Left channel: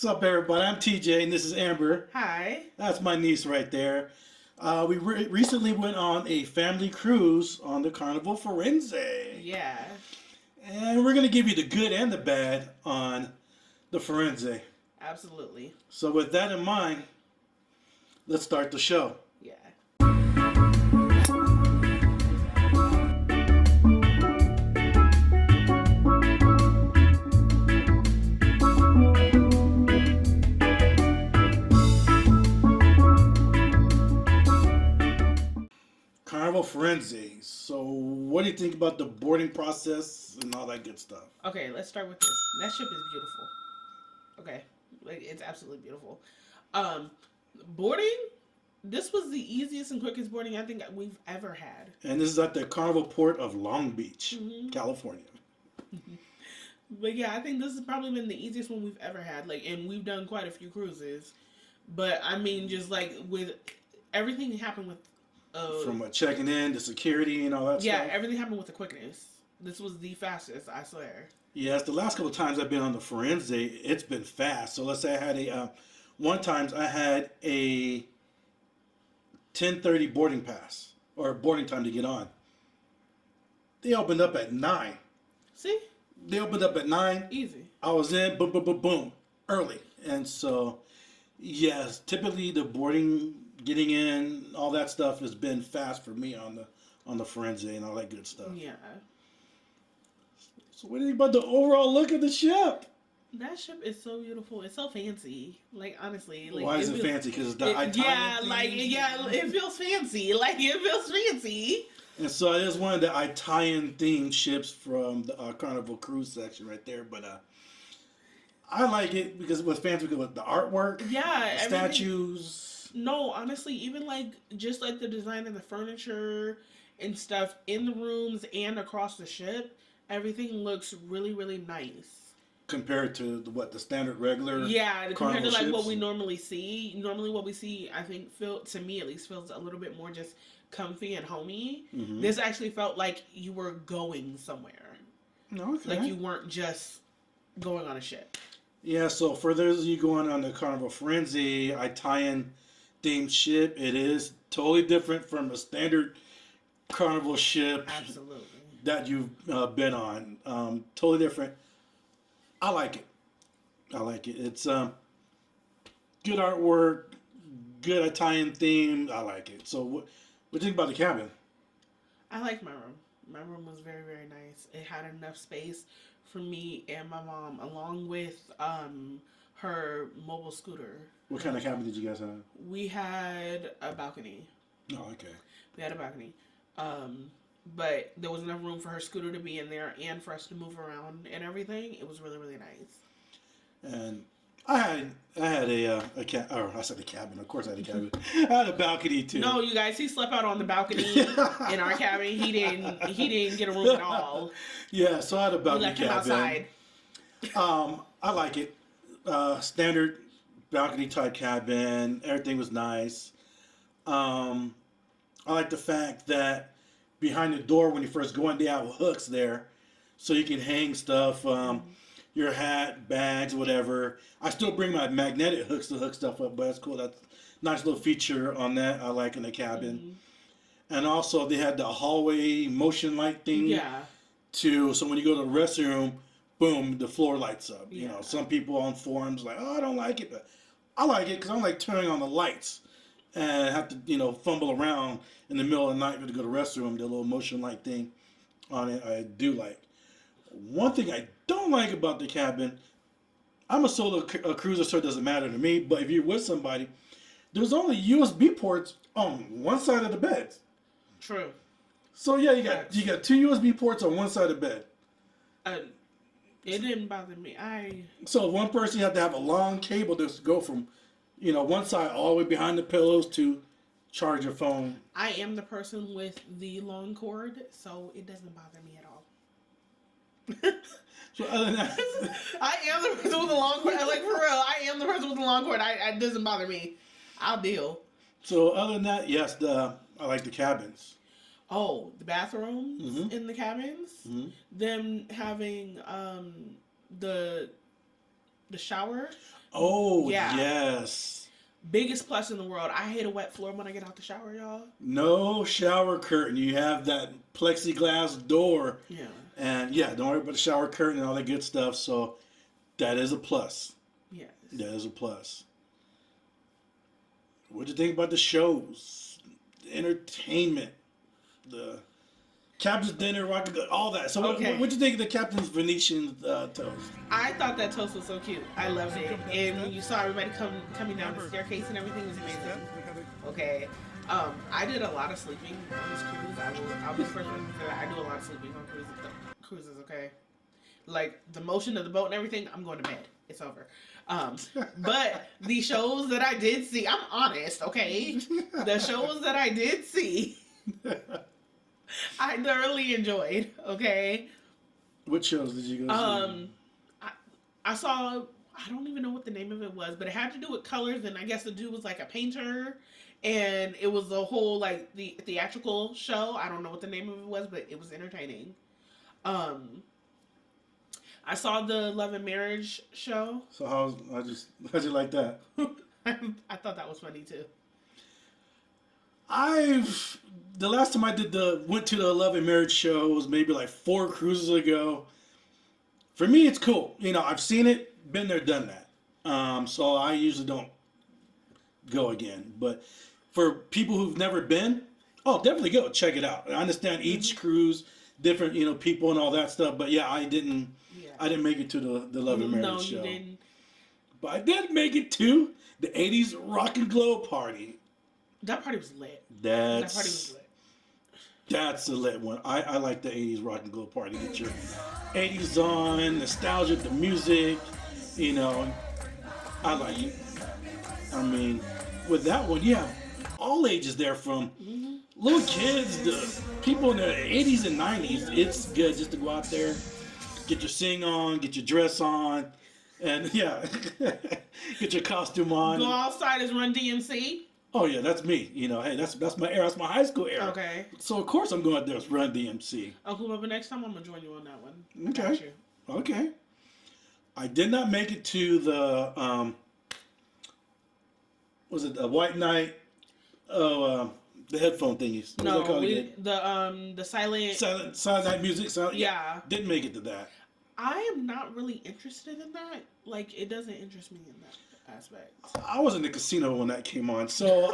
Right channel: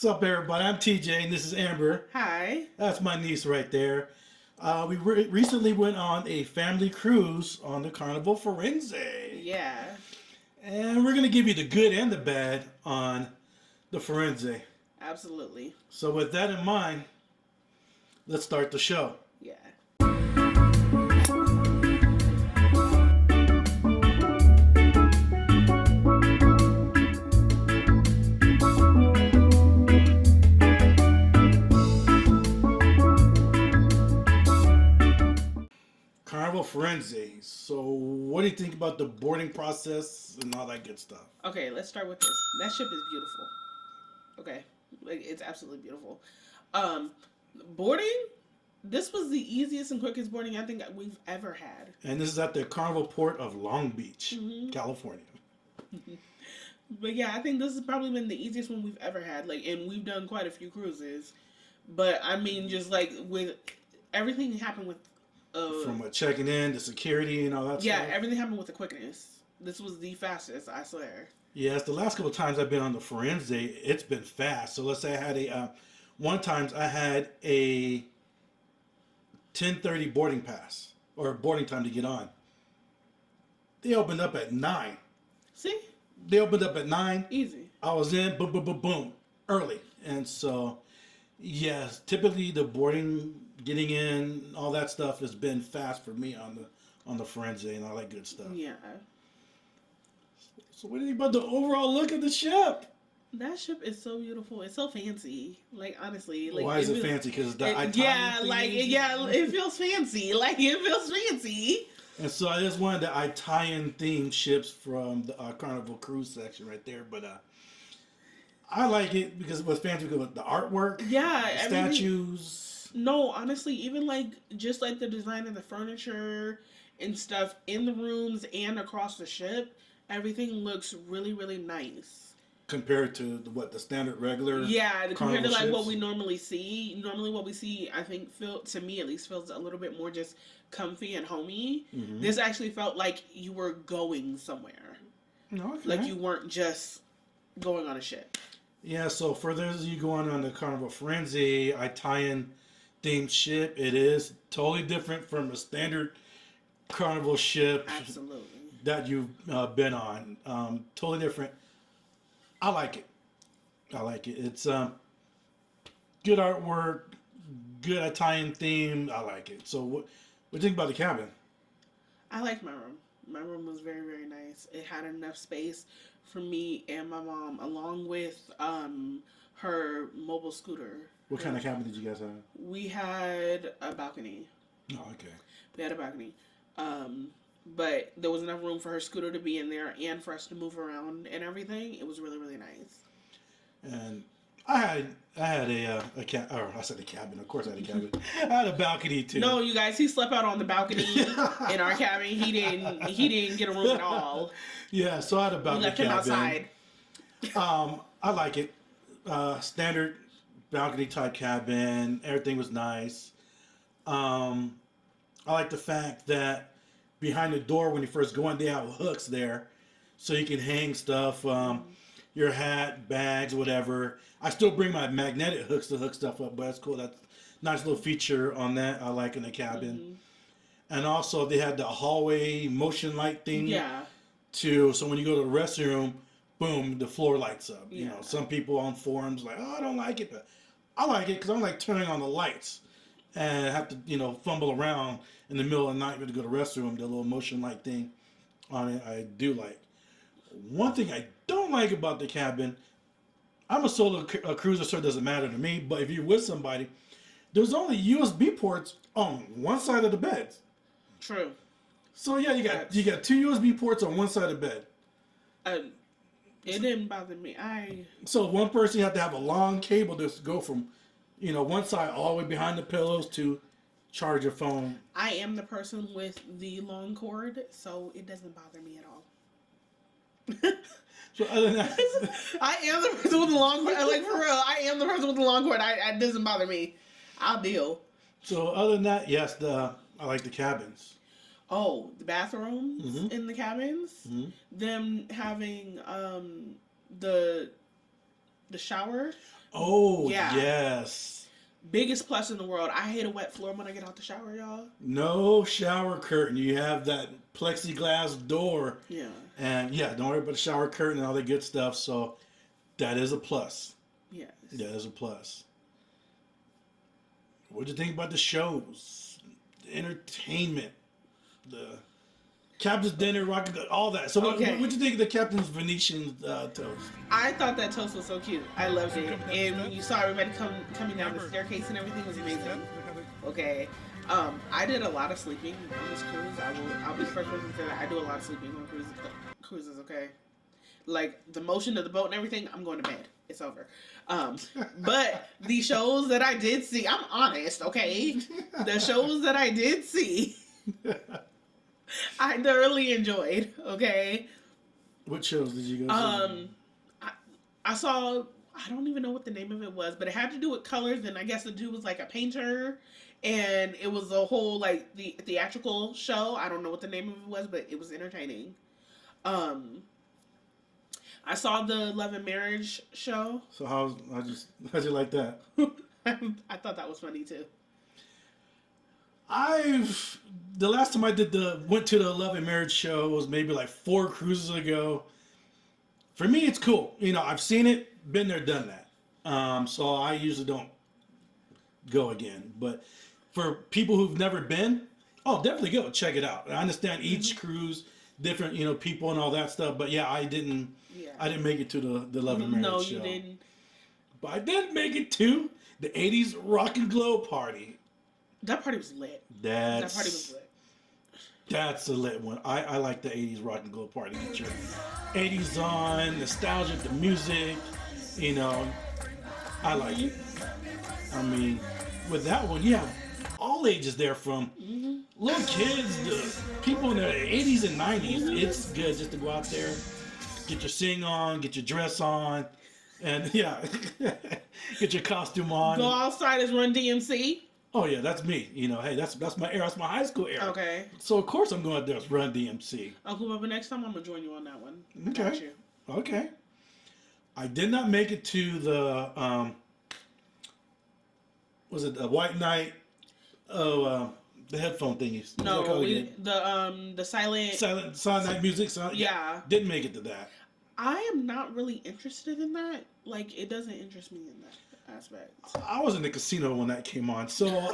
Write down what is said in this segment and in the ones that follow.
What's up, everybody? I'm TJ, and this is Amber. Hi. That's my niece right there. We recently went on a family cruise on the Carnival Firenze. Yeah. And we're going to give you the good and the bad on the Firenze. Absolutely. So, with that in mind, let's start the show. Yeah. Carnival Firenze. So, what do you think about the boarding process and all that good stuff? Okay, let's start with this. That ship is beautiful. Okay. Like, it's absolutely beautiful. Boarding, this was the easiest and quickest boarding I think we've ever had. And this is at the Carnival Port of Long Beach, California. But yeah, I think this has probably been the easiest one we've ever had. Like, and we've done quite a few cruises. But I mean, just like with everything happened with From checking in to security and all that stuff. Yeah, everything happened with the quickness. This was the fastest, I swear. Yes, the last couple of times I've been on the Firenze, it's been fast. So let's say I had one time I had a 10:30 boarding pass or boarding time to get on. They opened up at 9. See? They opened up at 9. Easy. I was in, boom, boom, boom, boom, early. And so, yes, typically the boarding, getting in, all that stuff has been fast for me on the Firenze and all that good stuff. Yeah. So what do you think about the overall look of the ship? That ship is so beautiful. It's so fancy. Like, honestly. Like, why is it fancy? Because the Italian it feels fancy. Like, it feels fancy. And so it is one of the Italian themed ships from the Carnival Cruise section right there. But I like it because it was fancy with the artwork. Yeah. The statues. No, honestly, even like just like the design of the furniture and stuff in the rooms and across the ship, everything looks really, really nice. Compared to the standard regular. Yeah, compared to like ships. what we normally see. Normally what we see, I think, to me at least, feels a little bit more just comfy and homey. Mm-hmm. This actually felt like you were going somewhere. Okay. Like you weren't just going on a ship. Yeah, so for those of you going on the Carnival Firenze Italian themed ship, it is totally different from a standard Carnival ship. Absolutely. That you've been on. Totally different. I like it. It's good artwork, good Italian theme. I like it. So what do you think about the cabin? I like my room. My room was very, very nice. It had enough space for me and my mom, along with her mobile scooter. What kind of cabin did you guys have? We had a balcony. Oh, okay. We had a balcony. But there was enough room for her scooter to be in there and for us to move around and everything. It was really, really nice. And I had a cabin. Of course I had a cabin. I had a balcony too. No, you guys, he slept out on the balcony in our cabin. He didn't get a room at all. Yeah, so I had a balcony. We left him outside. I like it. Standard balcony type cabin. Everything was nice. I like the fact that behind the door when you first go in, they have hooks there, so you can hang stuff, your hat, bags, whatever. I still bring my magnetic hooks to hook stuff up, but that's cool. That's a nice little feature on that I like in the cabin. Mm-hmm. And also they had the hallway motion light thing. Yeah. So when you go to the restroom, boom, the floor lights up. Yeah. You know, some people on forums like, oh, I don't like it, but I like it because I'm like turning on the lights and have to, fumble around in the middle of the night to go to the restroom, the little motion light thing on it, I do like. One thing I don't like about the cabin, I'm a solo cruiser, so it doesn't matter to me, but if you're with somebody, there's only USB ports on one side of the bed. True. So yeah, you got 2 USB ports on one side of the bed. It didn't bother me. So one person, you have to have a long cable to go from, one side all the way behind the pillows to charge your phone. I am the person with the long cord, so it doesn't bother me at all. So other than that, I am the person with the long cord. Like, for real, I am the person with the long cord. It doesn't bother me. I'll deal. So other than that, yes, I like the cabins. Oh, the bathrooms in the cabins. Them having the shower Oh, Yeah. yes. Biggest plus in the world. I hate a wet floor when I get out the shower, y'all. No shower curtain. You have that plexiglass door. Yeah. And yeah, don't worry about the shower curtain and all that good stuff. So that is a plus. Yes. That is a plus. What'd you think about the shows? The entertainment, the captain's dinner, all that. So Okay. what'd you think of the captain's Venetian toast? I thought that toast was so cute. I loved it. And you saw everybody coming down the staircase and everything was amazing. Okay. I did a lot of sleeping on this cruise. I'll be the first person to say that I do a lot of sleeping on cruises, okay? Like the motion of the boat and everything, I'm going to bed. It's over. But the shows that I did see, I'm honest, okay? The shows that I did see, I thoroughly enjoyed, okay? What shows did you go see? I saw, I don't even know what the name of it was, but it had to do with colors, and I guess the dude was like a painter, and it was a whole like the theatrical show. I don't know what the name of it was, but it was entertaining. I saw the Love and Marriage show. So how'd you like that? I thought that was funny too. The last time I went to the Love and Marriage show was maybe like 4 cruises ago. For me, it's cool. You know, I've seen it, been there, done that. So I usually don't go again. But for people who've never been, oh, definitely go check it out. I understand each cruise, different, people and all that stuff. But yeah, I didn't make it to the Love and Marriage show. No, you didn't. But I did make it to the 80s Rock and Glow party. That party was lit. That party was lit. That's a lit one. I like the 80s Rock and Glow party. Get your 80s on, nostalgia, the music, I like it. I mean, with that one, you have all ages there from little kids to people in the 80s and 90s. It's good just to go out there, get your sing on, get your dress on, and yeah, get your costume on. Go outside as Run DMC. Oh yeah, that's me. Hey, that's my era. That's my high school era. Okay. So of course I'm going out there with Run DMC. Uncle Bubba, next time I'm gonna join you on that one. Okay. Okay. I did not make it to the was it a White Night? Oh, the headphone thingies. No, the silent night music. Yeah. Didn't make it to that. I am not really interested in that. Like, it doesn't interest me in that aspect. I was in the casino when that came on, so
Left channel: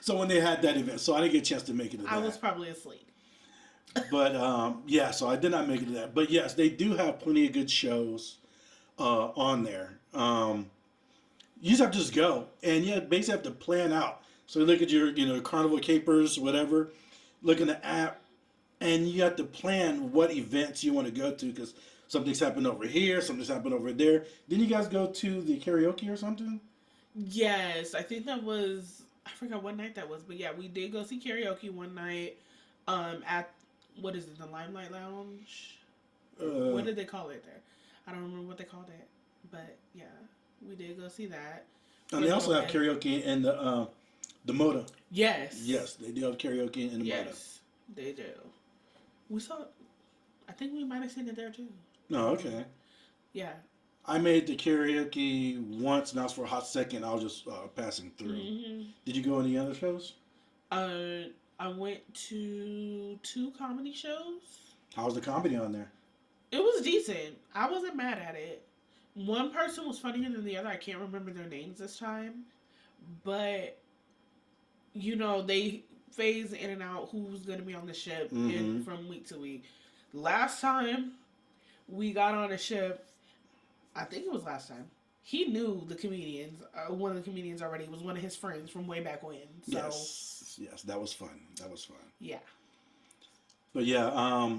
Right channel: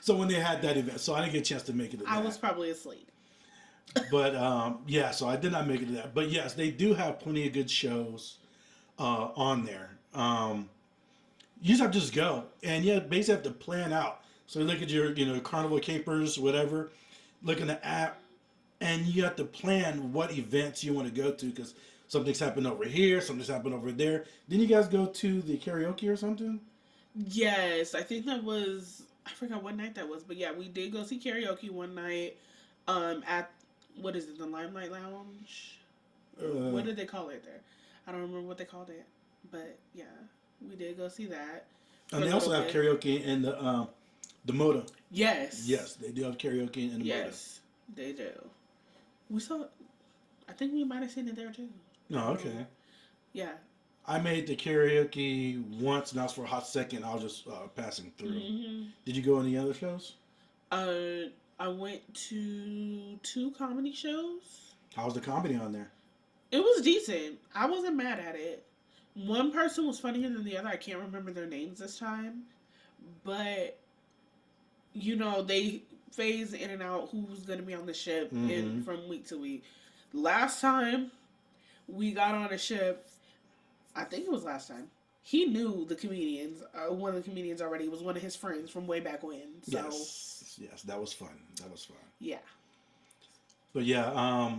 so when they had that event, so I didn't get a chance to make it to that. I was probably asleep. But yeah, so I did not make it to that. But yes, they do have plenty of good shows on there. You just have to just go, and you basically have to plan out. So you look at your Carnival Capers, whatever, look in the app, and you have to plan what events you want to go to because something's happened over here, something's happened over there. Didn't you guys go to the karaoke or something? Yes, I think that was, I forgot what night that was, but yeah, we did go see karaoke one night at, what is it, the Limelight Lounge? What did they call it there? I don't remember what they called it, but yeah, we did go see that. And they also have karaoke in the Moda. Yes. Yes, they do have karaoke in the Moda. Yes, they do. We saw, I think we might have seen it there too. Oh, okay. Yeah. I made the karaoke once, and that was for a hot second. I was just passing through. Mm-hmm. Did you go any other shows? I went to 2 comedy shows. How was the comedy on there? It was decent. I wasn't mad at it. One person was funnier than the other. I can't remember their names this time. But, they phase in and out who's going to be on the ship from week to week. Last time we got on a ship, I think it was last time, he knew the comedians. One of the comedians already. It was one of his friends from way back when. So. Yes, that was fun. Yeah. But yeah,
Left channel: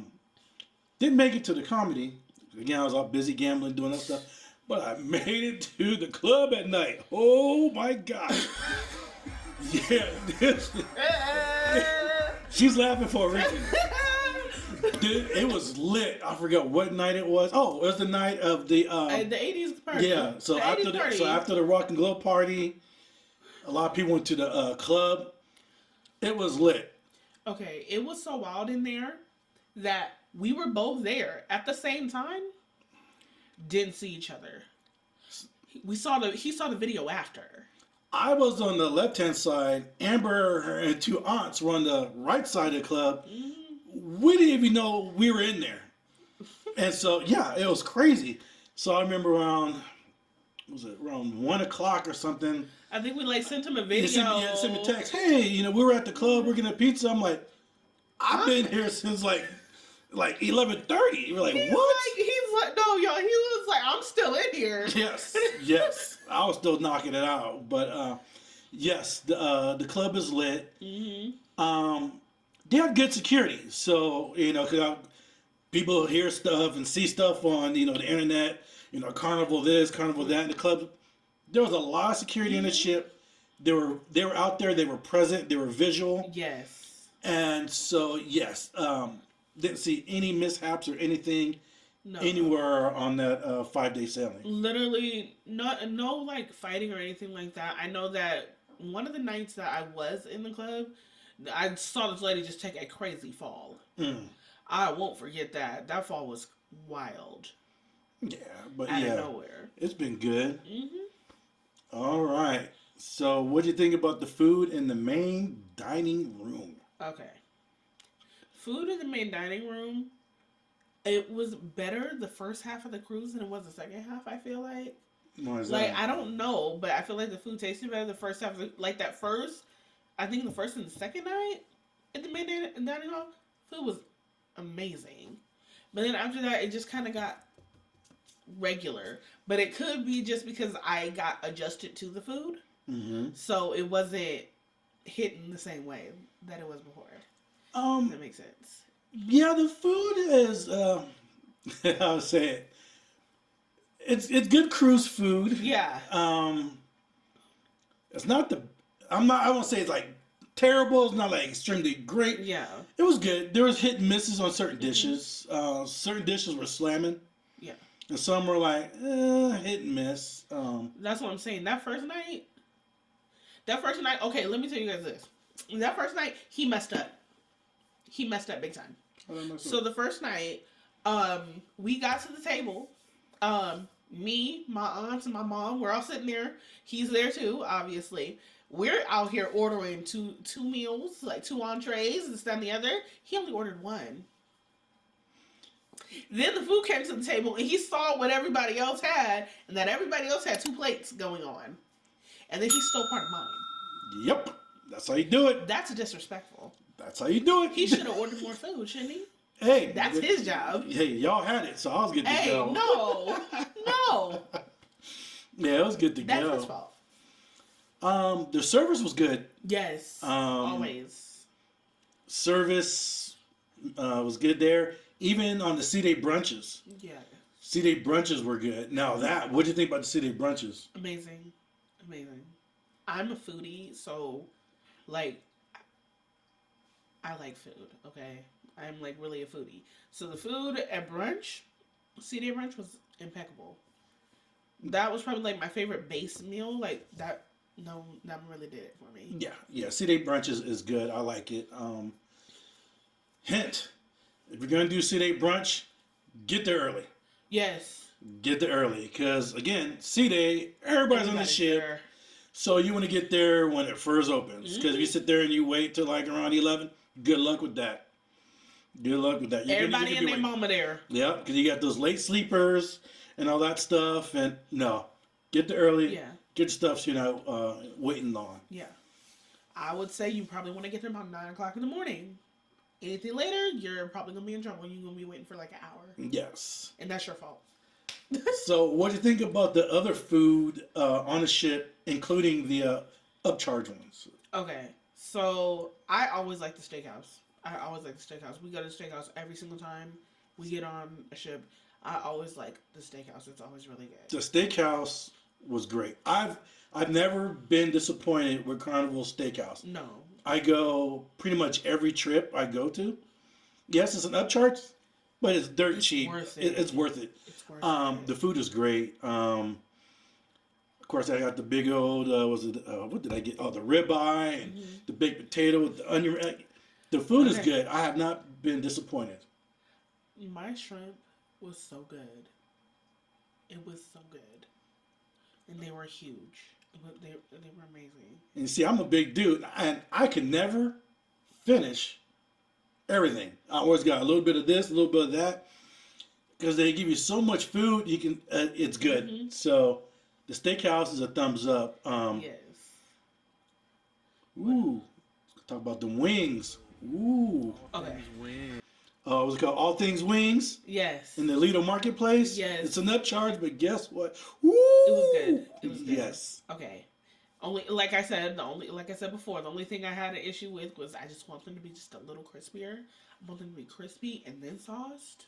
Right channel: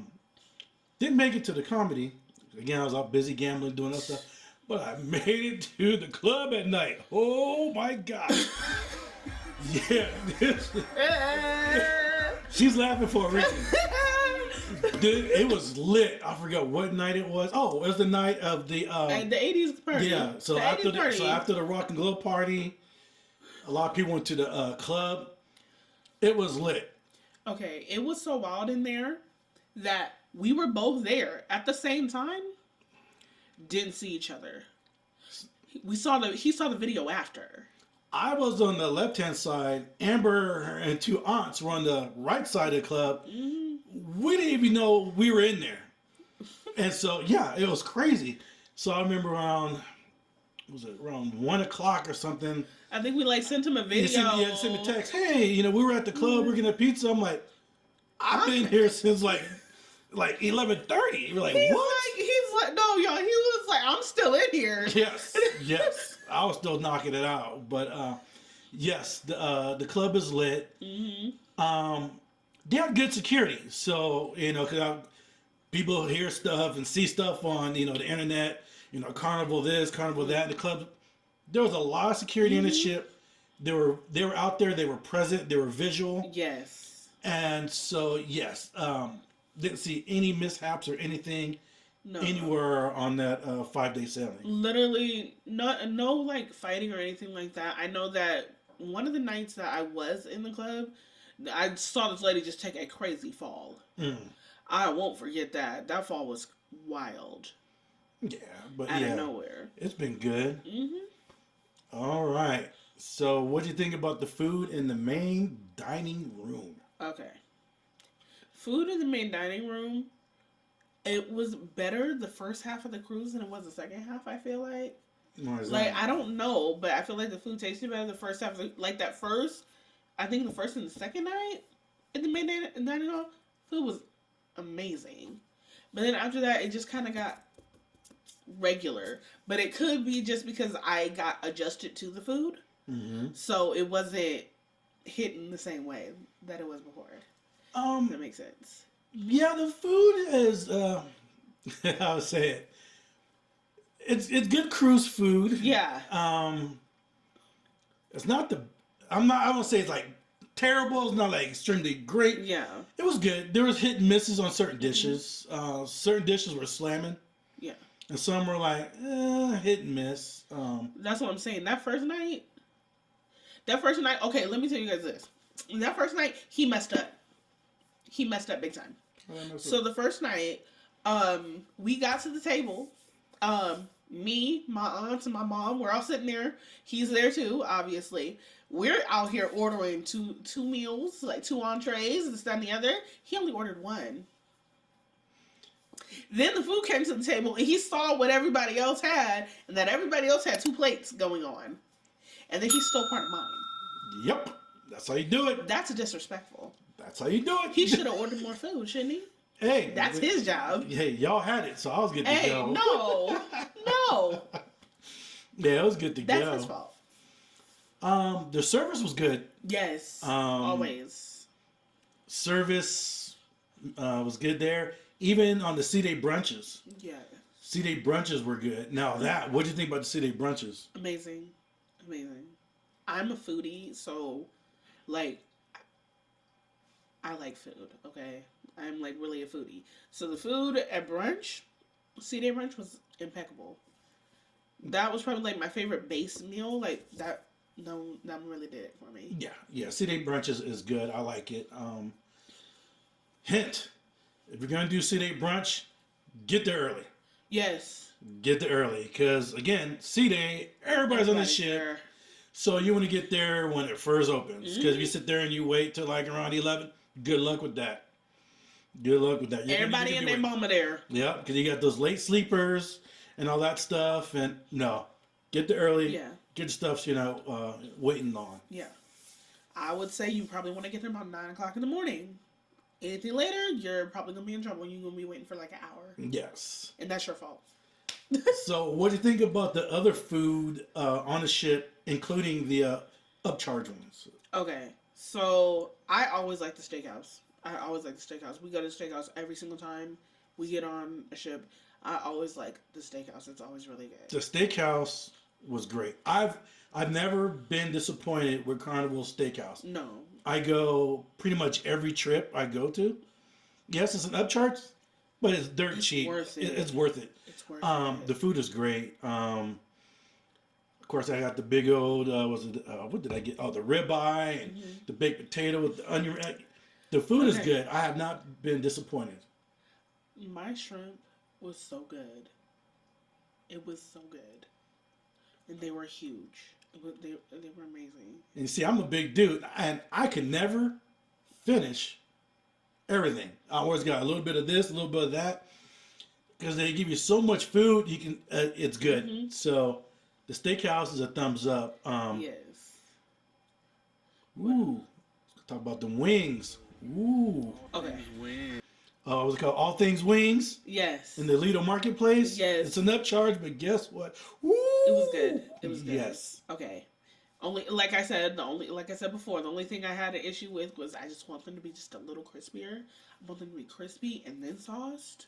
didn't make it to the comedy. Again, I was out busy gambling, doing that stuff. But I made it to the club at night. Oh my God. Yeah. She's laughing for a reason. Dude, it was lit. I forgot what night it was. Oh, it was the night of the 80s party. Yeah. So after the Rock and Glow party, a lot of people went to the club. It was lit. Okay, it was so wild in there that we were both there at the same time. Didn't see each other. He saw the video after. I was on the left hand side. Amber and two aunts were on the right side of the club. We didn't even know we were in there. And so, yeah, it was crazy. So I remember around, was it around 1 o'clock or something? I think we like sent him a video. Sent me a text. Hey, we were at the club. We're getting a pizza. I'm like, I've been here since like 11:30. You're like, what? He's like, no, y'all. He was like, I'm still in here. Yes. I was still knocking it out, but yes, the club is lit. They have good security, so cause people hear stuff and see stuff on the internet. Carnival this, Carnival that. In the club, there was a lot of security in the ship. They were out there. They were present. They were visual. Yes. And so yes, didn't see any mishaps or anything No. anywhere on that 5-day sailing. Literally, no like fighting or anything like that. I know that one of the nights that I was in the club, I saw this lady just take a crazy fall. I won't forget that. That fall was wild. Yeah, but out of nowhere. It's been good. All right. So, what do you think about the food in the main dining room? Okay. Food in the main dining room. It was better the first half of the cruise than it was the second half. I feel like. Why is like that? I don't know, but I feel like the food tasted better the first half. Like that first, I think the first and the second night at the main dining hall, food was amazing. But then after that, it just kind of got regular. But it could be just because I got adjusted to the food, so it wasn't hitting the same way that it was before. If that makes sense. Yeah, the food is. I'll say it. It's good cruise food. Yeah. It's not the. I won't say it's like terrible. It's not like extremely great. Yeah. It was good. There was hit and misses on certain dishes. Certain dishes were slamming. Yeah. And some were like hit and miss. That's what I'm saying. That first night. Okay, let me tell you guys this. That first night, he messed up. He messed up big time. So the first night, we got to the table. Me, my aunts, and my mom, we're all sitting there. He's there too, obviously. We're out here ordering two meals, like 2 entrees, and this, that, and the other. He only ordered 1. Then the food came to the table, and he saw what everybody else had, and that everybody else had 2 plates going on. And then he stole part of mine. Yep. That's how you do it. That's disrespectful. That's how you do it. He should have ordered more food, shouldn't he? Hey. That's his job. Hey, y'all had it, so I was good to go. No. Yeah, it was good to That's go. his fault. The service was good. Yes. Always. Service was good there. Even on the C-Day brunches. Yeah. C-Day brunches were good. Now what do you think about the C-Day brunches? Amazing. I'm a foodie, so like I like food, okay? I'm like really a foodie. So the food at brunch, C-Day brunch was impeccable. That was probably like my favorite base meal. Like that really did it for me. Yeah. C-Day brunches is good. I like it. Hint: if you're gonna do C-Day brunch, get there early. Yes. Get there early, because again, C-Day, everybody's on the ship. There. So you want to get there when it first opens. Because if you sit there and you wait till like around 11, good luck with that. Everybody and their mama there. Yeah, because you got those late sleepers and all that stuff. And no, get there early. Yeah. Get stuff you're not waiting on. Yeah. I would say you probably want to get there about 9 o'clock in the morning. Anything later, you're probably going to be in trouble. You're going to be waiting for like an hour. Yes. And that's your fault. So what do you think about the other food on the ship, including the upcharge ones? Okay, so I always like the steakhouse. We go to the steakhouse every single time we get on a ship. I always like the steakhouse. It's always really good. The steakhouse was great. I've never been disappointed with Carnival Steakhouse. No. I go pretty much every trip I go to. Yes, it's an upcharge, but it's dirt cheap. It's worth it. The food is great. Of course, I got the big old, what did I get? Oh, the ribeye and the baked potato with the onion. The food is good. I have not been disappointed. My shrimp was so good. It was so good. and they were huge. They were amazing. And you see, I'm a big dude, and I can never finish everything. I always got a little bit of this, a little bit of that, because they give you so much food. You can, it's good. Mm-hmm. So the steakhouse is a thumbs up. Yes. Ooh, let's talk about the wings. Ooh. Okay. What's it called? All Things Wings Yes. in the Lido Marketplace. Yes. It's an upcharge, but guess what? Ooh. It was good. It was good. Yes. Okay. Like I said before, the only thing I had an issue with was I just want them to be just a little crispier. I want them to be crispy and then sauced.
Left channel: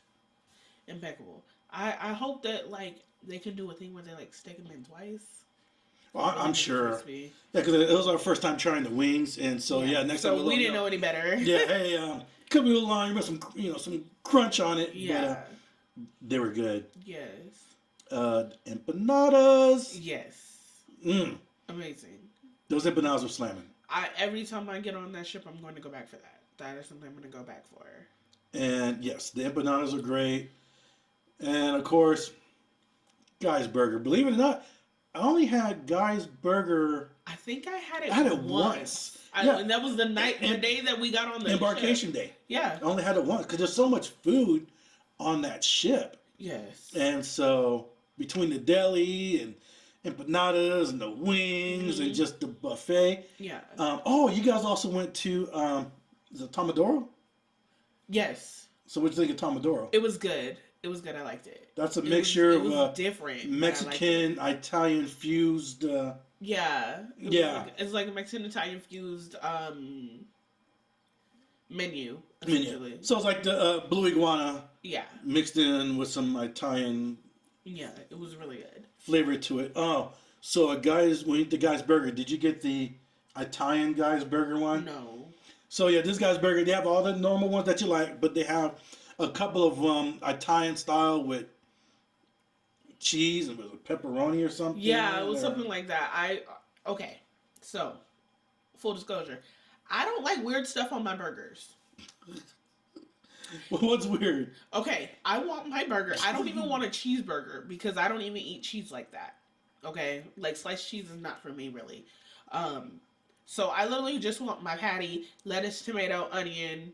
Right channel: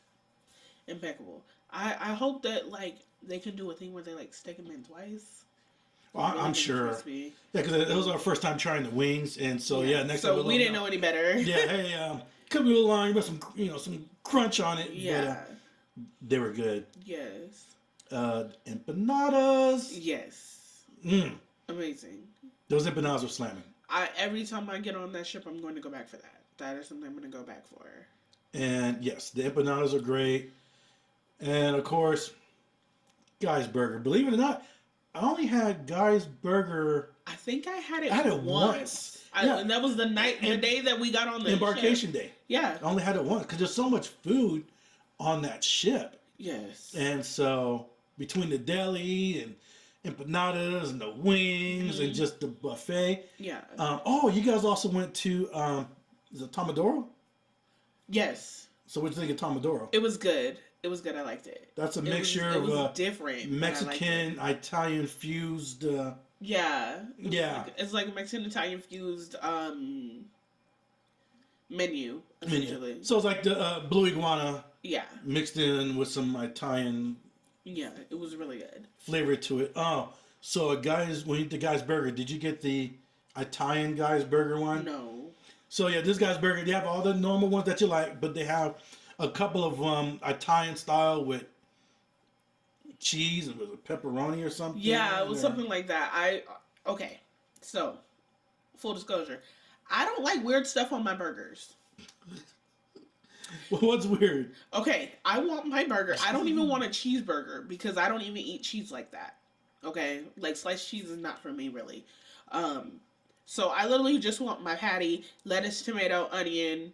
Impeccable. I hope that like they can do a thing where they like stick them in twice. Well, I'm sure. Crispy. Yeah, because it was our first time trying the wings, and so next time we didn't know any better. Yeah, hey, could be a little long. You put some crunch on it. Yeah. But, they were good. Yes. Empanadas. Yes. Amazing. Those empanadas were slamming. Every time I get on that ship, I'm going to go back for that. That is something I'm going to go back for. And yes, the empanadas are great. And of course, Guy's Burger. Believe it or not, I only had Guy's Burger. I think I had it once. And that was the day that we got on the embarkation ship. day. Yeah. I only had it once because there's so much food on that ship. Yes. And so between the deli and empanadas and the wings and just the buffet. Yeah. You guys also went to is it Tomodoro? Yes. So what do you think of Tomodoro? It was good. It was good. I liked it. That's a mixture of different Mexican, Italian fused. Yeah. Yeah. It's like a Mexican Italian fused menu. So it's like the Blue Iguana. Yeah. Mixed in with some Italian. Yeah, it was really good. Flavor to it. Oh, so when you eat the Guy's Burger, did you get the Italian Guy's Burger one? No. So yeah, this Guy's Burger, they have all the normal ones that you like, but they have a couple of Italian style with cheese and with pepperoni or something. Yeah, it was something like that. Okay, so full disclosure, I don't like weird stuff on my burgers. Well, what's weird? Okay, I want my burger. I don't even want a cheeseburger because I don't even eat cheese like that. Okay, like sliced cheese is not for me really. So I literally just want my patty, lettuce, tomato, onion,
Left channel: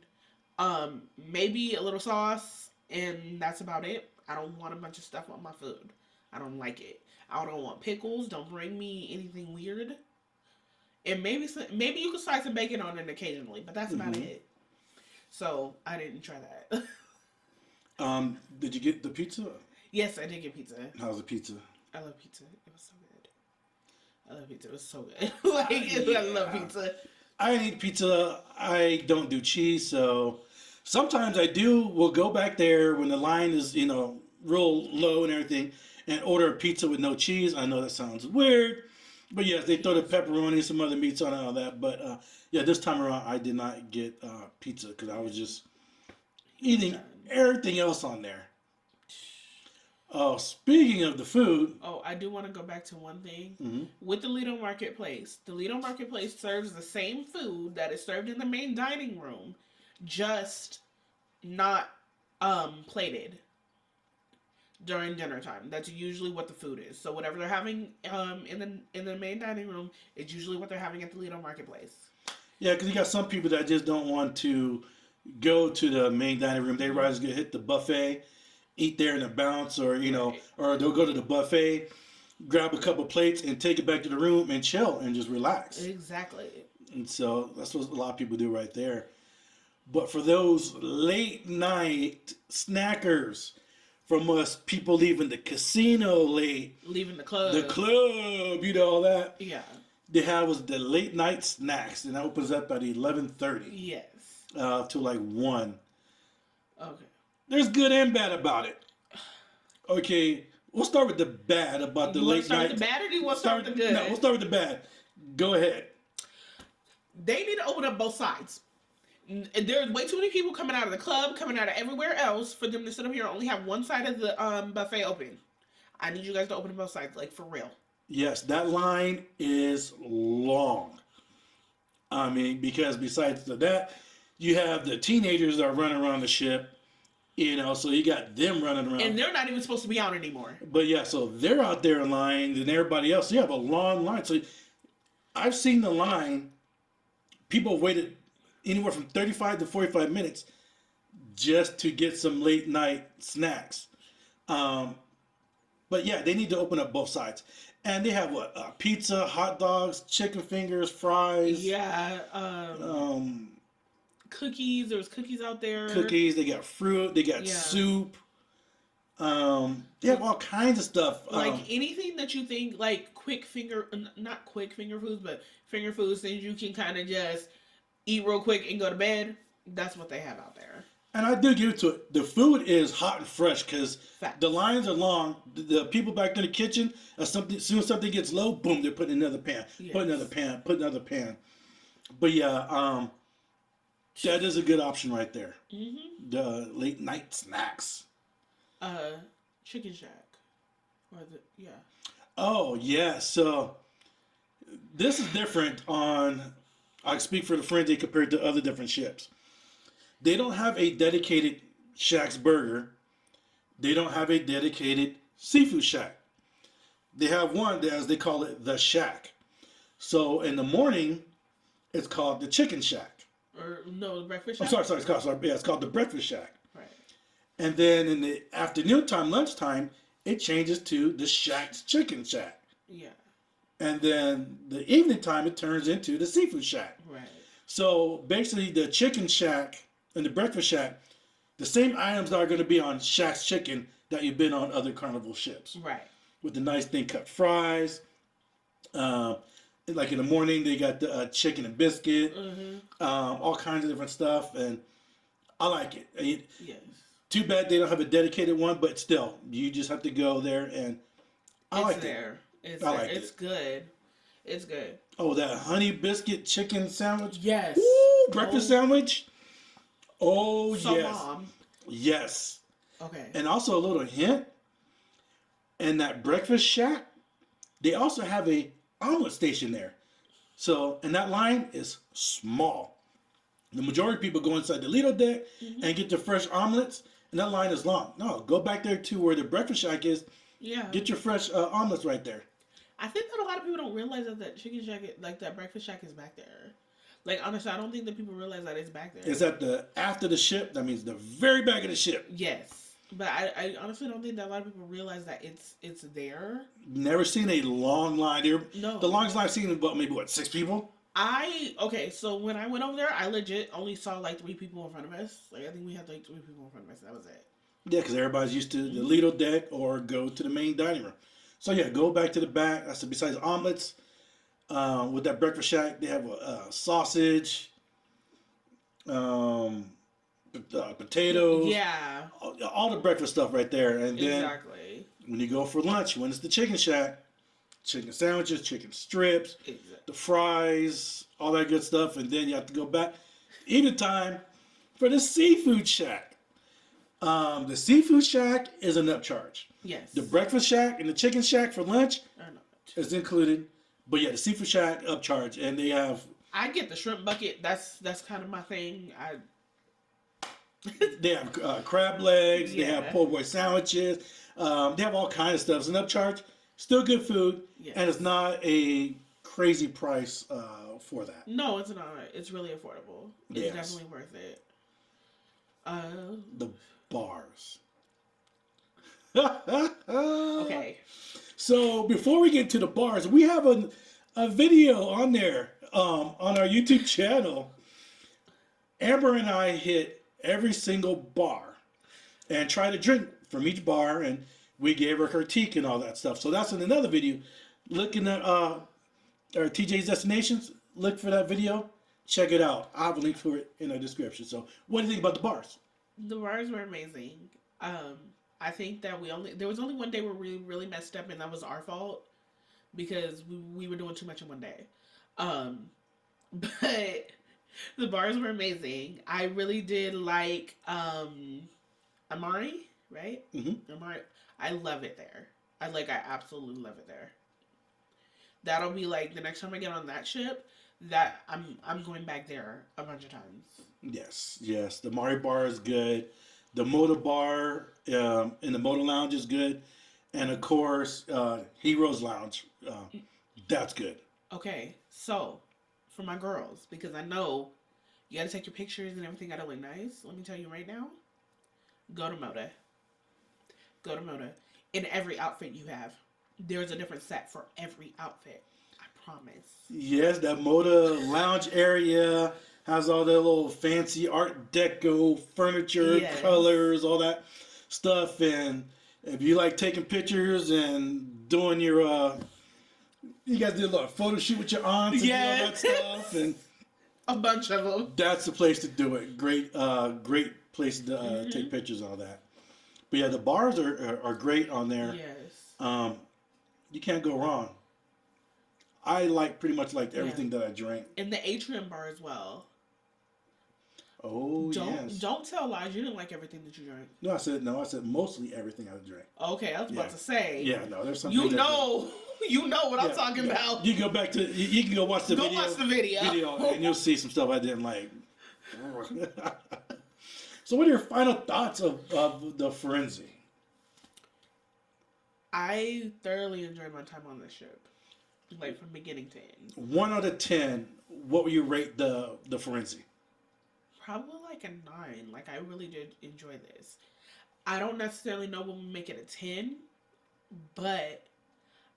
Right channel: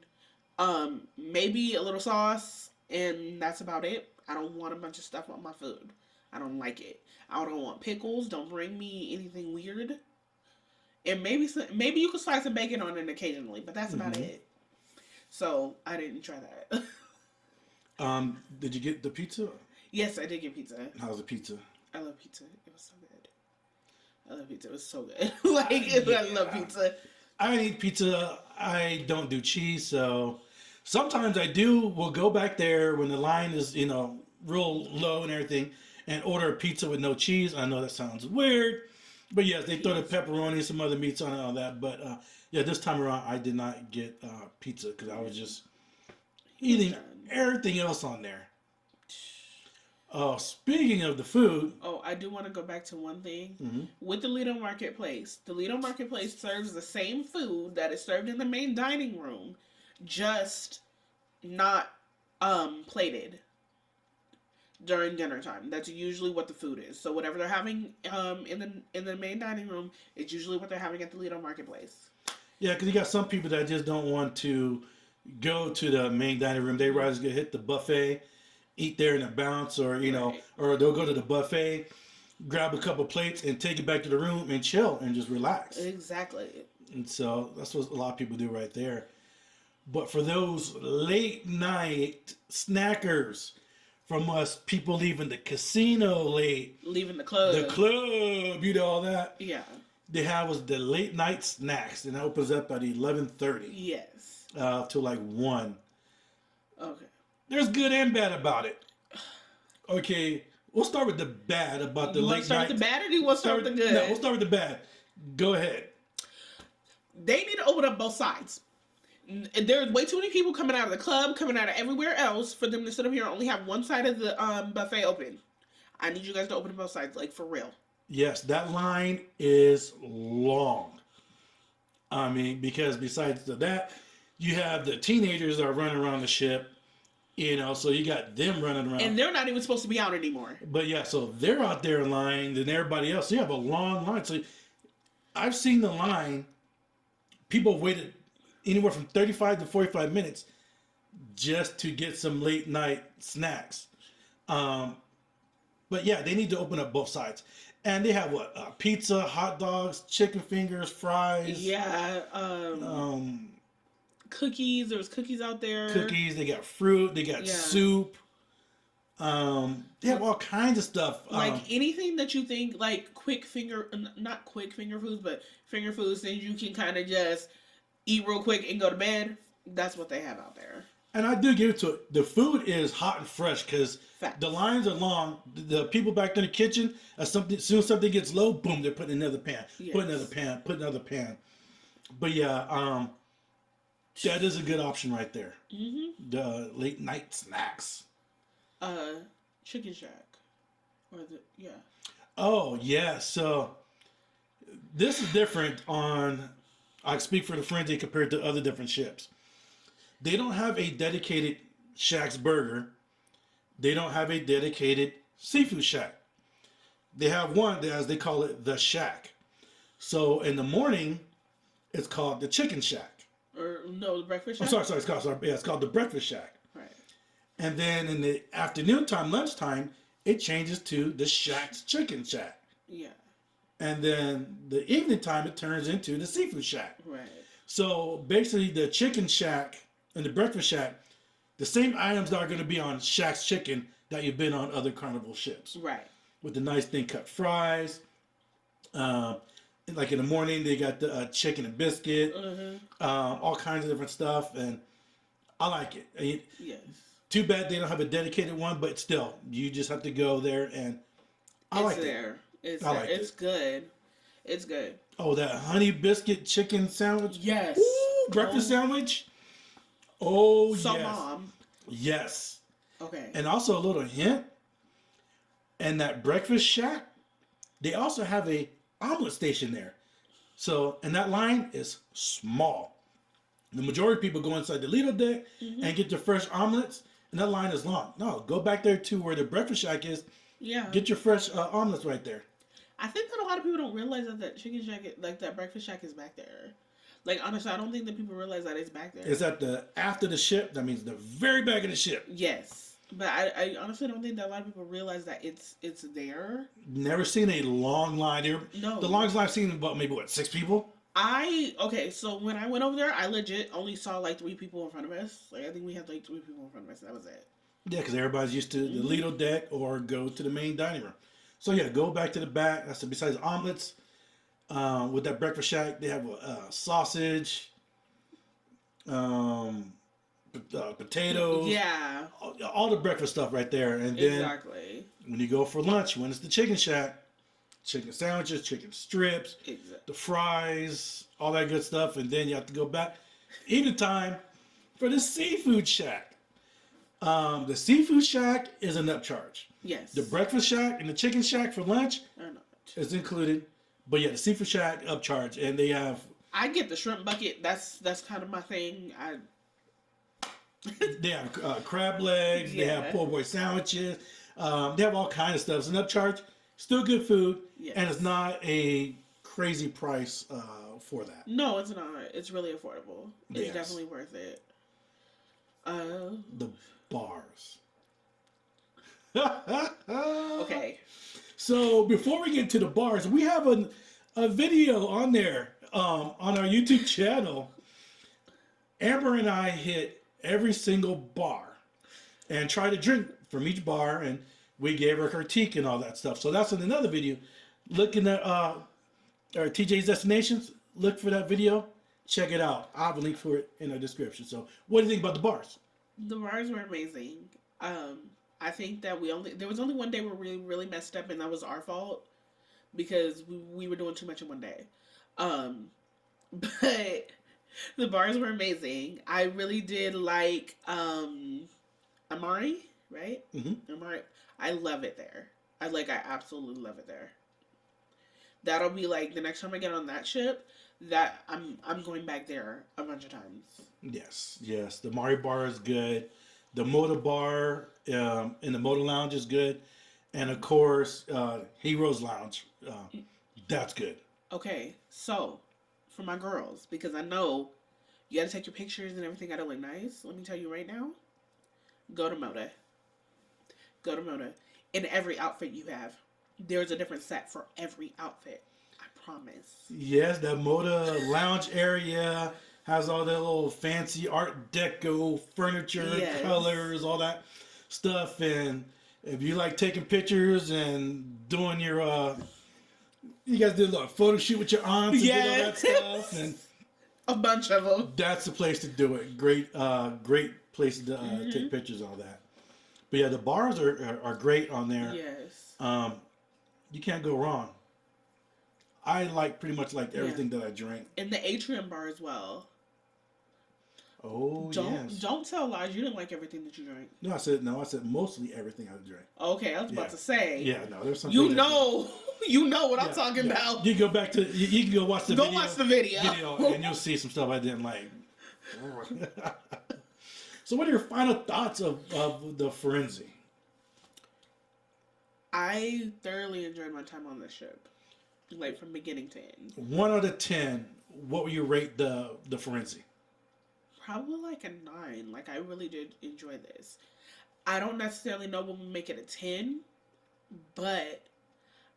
maybe a little sauce, and that's about it. I don't want a bunch of stuff on my food. I don't like it. I don't want pickles. Don't bring me anything weird. And maybe you can slice some bacon on it occasionally, but that's about it. So I didn't try that. Did you get the pizza? Yes, I did get pizza. How's the pizza? I love pizza. It was so good. I love pizza. It was so good. I love pizza. I eat pizza. I don't do cheese, so sometimes I do. We'll go back there when the line is, real low and everything, and order a pizza with no cheese. I know that sounds weird, but yes, they throw the pepperoni, some other meats on it, and all that. But this time around, I did not get pizza because I was just eating everything else on there. Speaking of the food. Oh, I do want to go back to one thing. Mm-hmm. With the Lido Marketplace. The Lido Marketplace serves the same food that is served in the main dining room, just not plated during dinner time. That's usually what the food is. So whatever they're having in the main dining room is usually what they're having at the Lido Marketplace. Yeah, because you got some people that just don't want to go to the main dining room. They rather just hit the buffet, eat there in a bounce, or or they'll go to the buffet, grab a couple plates, and take it back to the room and chill and just relax. Exactly. And so that's what a lot of people do right there. But for those late night snackers, from us people leaving the casino late, leaving the club, all that. Yeah. They have was the late night snacks, and that opens up at 11:30. Yes. To like 1. Okay. There's good and bad about it. Okay, we'll start with the bad about the late night. You want to start with the bad, or do you want to start with the good? No, we'll start with the bad. Go ahead. They need to open up both sides. There's way too many people coming out of the club, coming out of everywhere else, for them to sit up here and only have one side of the buffet open. I need you guys to open both sides, like for real. Yes, that line is long. I mean, because besides that, you have the teenagers that are running around the ship. You know, so you got them running around. And they're not even supposed to be out anymore. But yeah, so they're out there in line, and everybody else. So you have a long line. So I've seen the line. People waited anywhere from 35 to 45 minutes just to get some late night snacks. But yeah, they need to open up both sides. And they have what? Pizza, hot dogs, chicken fingers, fries. Yeah. Cookies. There was cookies out there. Cookies. They got fruit. They got soup. They have all kinds of stuff. Like anything that you think, like not quick finger foods, but finger foods that you can kind of just eat real quick and go to bed. That's what they have out there. And I do give it to it. The food is hot and fresh because the lines are long. The people back in the kitchen, as soon as something gets low, boom, they're putting another pan, put another pan, put another pan. But yeah, that is a good option right there. Mm-hmm. The late night snacks. Chicken Shack. Oh yeah, so this is different on. I speak for the Firenze compared to other different ships. They don't have a dedicated Shack's Burger. They don't have a dedicated seafood shack. They have one, as they call it, the Shack. So in the morning, it's called the Chicken Shack. Or no, the Breakfast Shack? I'm sorry, it's called the Breakfast Shack. Right. And then in the afternoon time, lunchtime, it changes to the Shack's Chicken Shack. Yeah. And then the evening time, it turns into the Seafood Shack. Right. So basically, the Chicken Shack and the Breakfast Shack, the same items that are going to be on Shack's Chicken that you've been on other Carnival ships. Right. With the nice thin cut fries. Like in the morning, they got the chicken and biscuit. All kinds of different stuff. And I like it. Yes. Too bad they don't have a dedicated one, but still, you just have to go there and I like it. It's good. It's good. Oh, that honey biscuit chicken sandwich? Yes. Ooh, breakfast sandwich? Oh, so yes. Mom. Yes. Okay. And also a little hint, and that Breakfast Shack, they also have a omelet station there. So, and that line is small. The majority of people go inside the Lido deck and get their fresh omelets, and that line is long. No, go back there to where the Breakfast Shack is. Yeah. Get your fresh omelets right there. I think that a lot of people don't realize that Chicken Shack, like that Breakfast Shack, is back there. Like honestly, I don't think that people realize that it's back there. Is that the after the ship? That means the very back of the ship. Yes, but I honestly don't think that a lot of people realize that it's there. Never seen a long line here. No. The longest line I've seen is about maybe 6 people. So when I went over there, I legit only saw like 3 people in front of us. Like I think we had like 3 people in front of us, and that was it. Yeah, because everybody's used to the Lido deck or go to the main dining room. So yeah, go back to the back. That's besides omelets. With that Breakfast Shack, they have sausage, potatoes. Yeah. All the breakfast stuff right there. And then exactly. When you go for lunch, when it's the Chicken Shack, chicken sandwiches, chicken strips, the fries, all that good stuff. And then you have to go back eating time for the Seafood Shack. The Seafood Shack is an upcharge. Yes. The Breakfast Shack and the Chicken Shack for lunch is included. But yeah, the Seafood Shack upcharge, and they have. I get the shrimp bucket. That's kind of my thing. They have crab legs. They have po' boy sandwiches. They have all kinds of stuff. It's an upcharge. Still good food, and it's not a crazy price for that. No, it's not. It's really affordable. It's definitely worth it. The bars. Okay. So before we get to the bars, we have a video on there on our YouTube channel. Amber and I hit every single bar and tried to drink from each bar, and we gave her a critique and all that stuff. So that's in another video. Looking at our TJ's Destinations, look for that video. Check it out. I'll have a link for it in our description. So what do you think about the bars? The bars were amazing. I think that there was only one day where we really messed up, and that was our fault because we were doing too much in one day. But the bars were amazing. I really did like Amari, right? Mm-hmm. Amari, I love it there. I absolutely love it there. That'll be like the next time I get on that ship. That I'm going back there a bunch of times. Yes. The Amari bar is good. The Moda Bar in the Moda Lounge is good. And of course, Heroes Lounge. That's good. Okay, so for my girls, because I know you gotta take your pictures and everything gotta look nice. Let me tell you right now, go to Moda. Go to Moda. In every outfit you have, there's a different set for every outfit. I promise. Yes, that Moda Lounge area has all that little fancy Art Deco furniture, Yes. colors, all that stuff. And if you like taking pictures and doing your, you guys did a lot of photo shoot with your aunts and did all that Yes. stuff. And A bunch of them. that's the place to do it. Great place to take pictures and all that. But yeah, the bars are great on there. Yes. You can't go wrong. I pretty much liked everything that I drank. And the atrium bar as well. Oh yes. Don't tell lies. You didn't like everything that you drank. No. I said mostly everything I drank. Okay, I was about to say. Yeah, no, there's something. You know what I'm talking about. You can go back to you can go watch the Go video. watch the video. And you'll see some stuff I didn't like. So, what are your final thoughts of the Firenze? I thoroughly enjoyed my time on this ship, like from beginning to end. 1 out of 10, what would you rate the Firenze? Probably like a 9. Like I really did enjoy this. I don't necessarily know when we make it a 10, but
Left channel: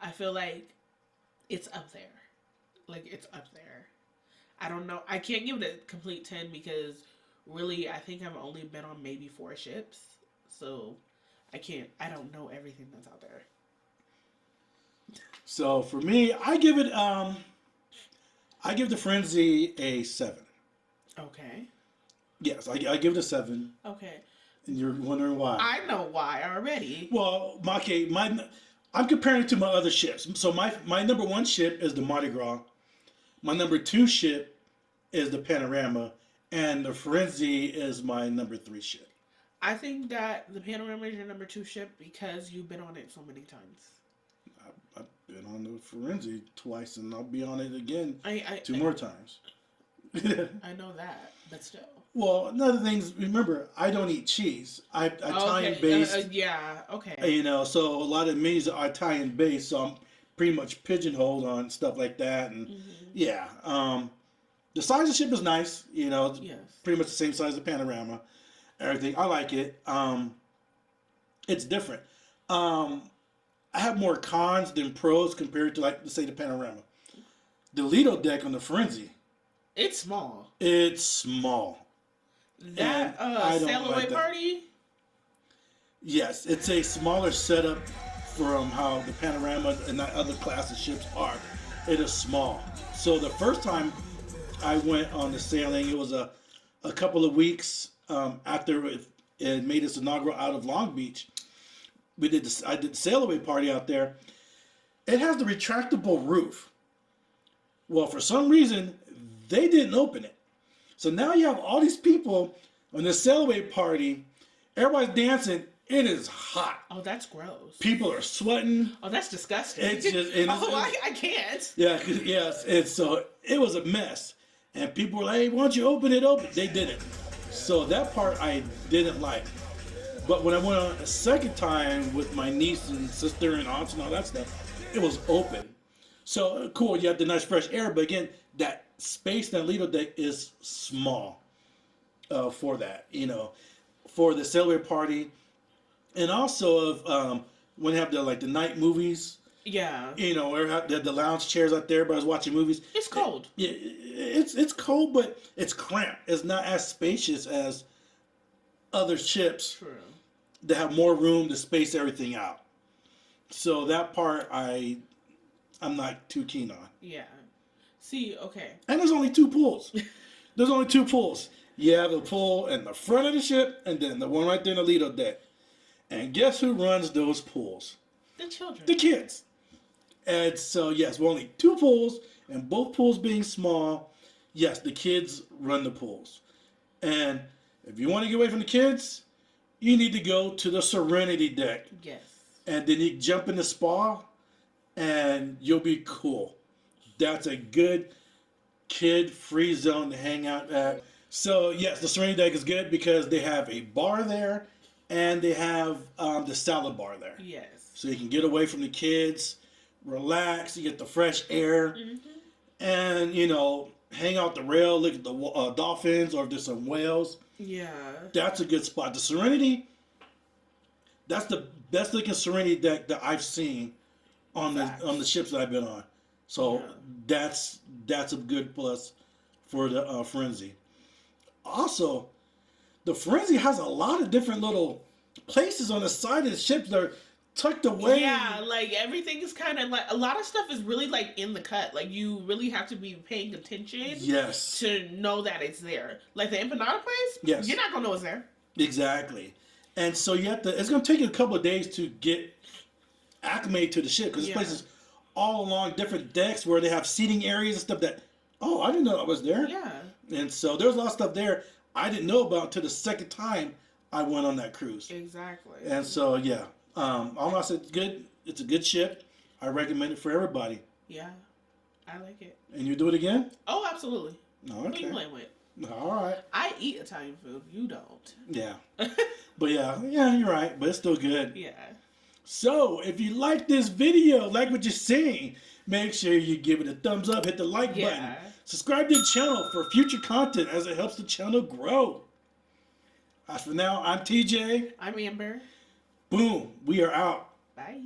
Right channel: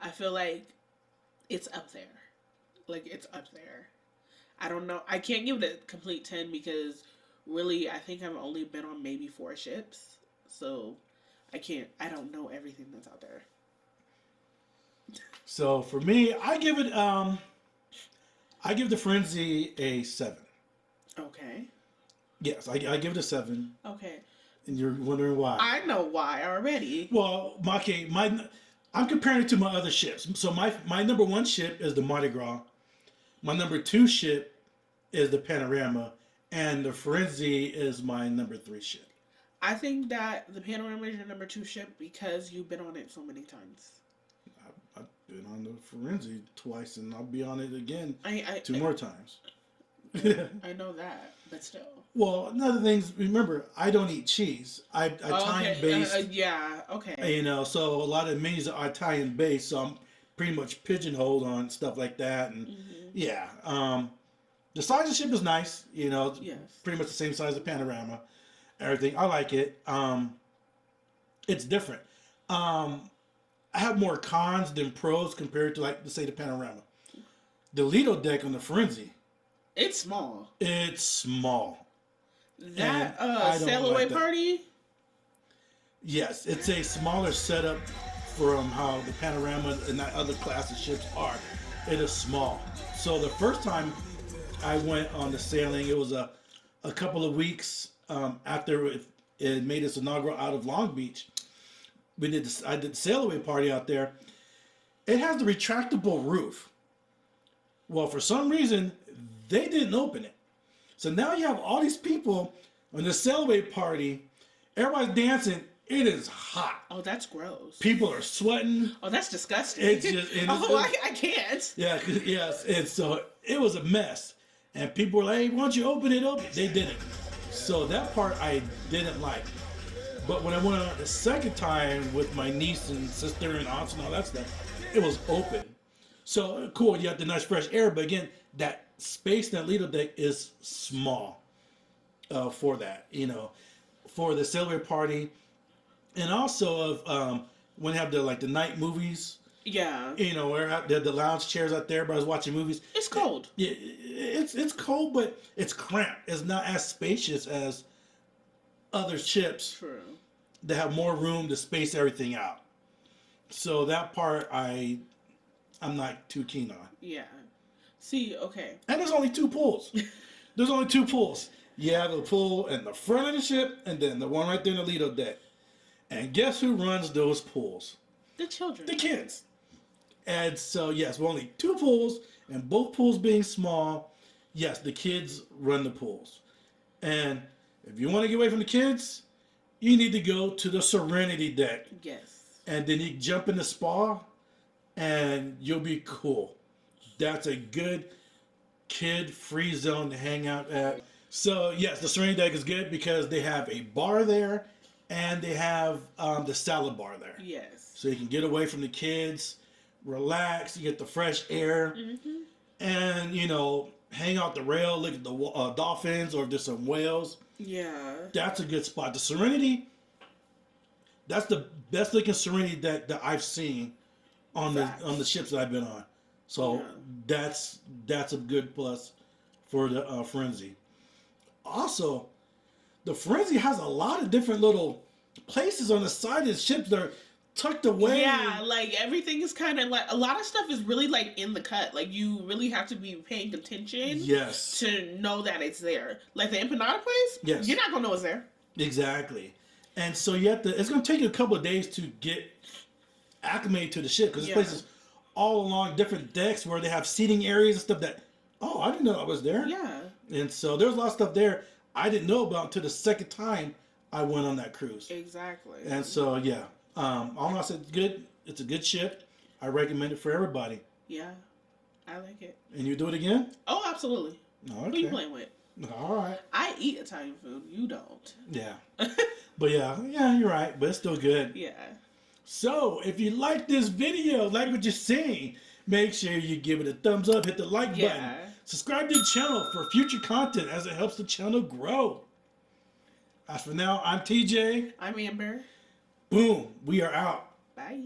I feel like it's up there. Like it's up there. I don't know. I can't give it a complete 10 because really I think I've only been on maybe 4 ships. So I don't know everything that's out there. So for me, I give the Firenze a 7. Okay. Yes, I give it a 7. Okay. And you're wondering why? I know why already. Well, I'm comparing it to my other ships. So my number 1 ship is the Mardi Gras. My number 2 ship is the Panorama, and the Firenze is my number 3 ship. I think that the Panorama is your number 2 ship because you've been on it so many times. I've been on the Firenze twice, and I'll be on it again I more times. I know that, but still. Well, another thing, remember, I don't eat cheese. I'm Italian based. Yeah, okay. You know, so a lot of menus are Italian based, so I'm pretty much pigeonholed on stuff like that. And yeah, the size of the ship is nice. You know, Yes. pretty much the same size as Panorama. Everything, I like it. It's different. I have more cons than pros compared to, like, let's say, the Panorama. The Lido deck on the Firenze. It's small. It's small. That sail away party. Yes, it's a smaller setup from how the Panorama and that other class of ships are. It is small. So the first time I went on the sailing, it was a couple of weeks after it made its inaugural out of Long Beach. I did the sail away party out there. It has the retractable roof. Well, for some reason, they didn't open it. So now you have all these people on the sail away party. Everybody's dancing. It is hot. Oh, that's gross. People are sweating. Oh, that's disgusting. It's just, I can't. Yeah, yes. And so it was a mess. And people were like, hey, why don't you open it up? They didn't. So that part I didn't like. But when I went on a second time with my niece and sister and aunts and all that stuff, it was open. So cool, you have the nice fresh air. But again, that space, that Lido deck is small for that, you know, for the sailaway party. And also of when they have the night movies. Yeah. You know, where the lounge chairs out there, but I was watching movies. It's cold. Yeah, it's cold, but it's cramped. It's not as spacious as other ships. True. That have more room to space everything out. So that part I'm not too keen on. Yeah. See, okay. And there's only 2 pools. There's only 2 pools. You have a pool in the front of the ship, and then the one right there in the Lido deck. And guess who runs those pools? The children. The kids. And so, yes, we're only 2 pools, and both pools being small, yes, the kids run the pools. And if you want to get away from the kids, you need to go to the Serenity deck. Yes. And then you jump in the spa, and you'll be cool. That's a good kid-free zone to hang out at So yes, the Serenity deck is good because they have a bar there, and they have the salad bar there, Yes. so you can get away from the kids, relax, you get the fresh air, Mm-hmm. and hang out the rail, look at the dolphins, or if there's some whales. Yeah. That's a good spot. The Serenity, that's the best looking Serenity deck that I've seen on Facts. the ships that I've been on. So Yeah. that's a good plus for the Firenze. Also, the Firenze has a lot of different little places on the side of the ships that are tucked away. Yeah, like everything is kind of like a lot of stuff is really like in the cut. Like you really have to be paying attention. Yes. To know that it's there. Like the empanada place. Yes. You're not gonna know it's there. Exactly. And so you have to. It's gonna take you a couple of days to get acclimated to the ship because this place is all along different decks where they have seating areas and stuff that. Oh, I didn't know that was there. Yeah. And so there's a lot of stuff there I didn't know about until the second time I went on that cruise. Exactly. And so yeah, all I said, good. It's a good ship. I recommend it for everybody. Yeah, I like it. And you do it again? Oh, absolutely. Okay. Who you playing with? All right. I eat Italian food. You don't. Yeah. But yeah, you're right. But it's still good. Yeah. So if you like this video, like what you're seeing, make sure you give it a thumbs up, hit the like button. Subscribe to the channel for future content as it helps the channel grow. As for now, I'm TJ. I'm Amber. Boom. We are out. Bye.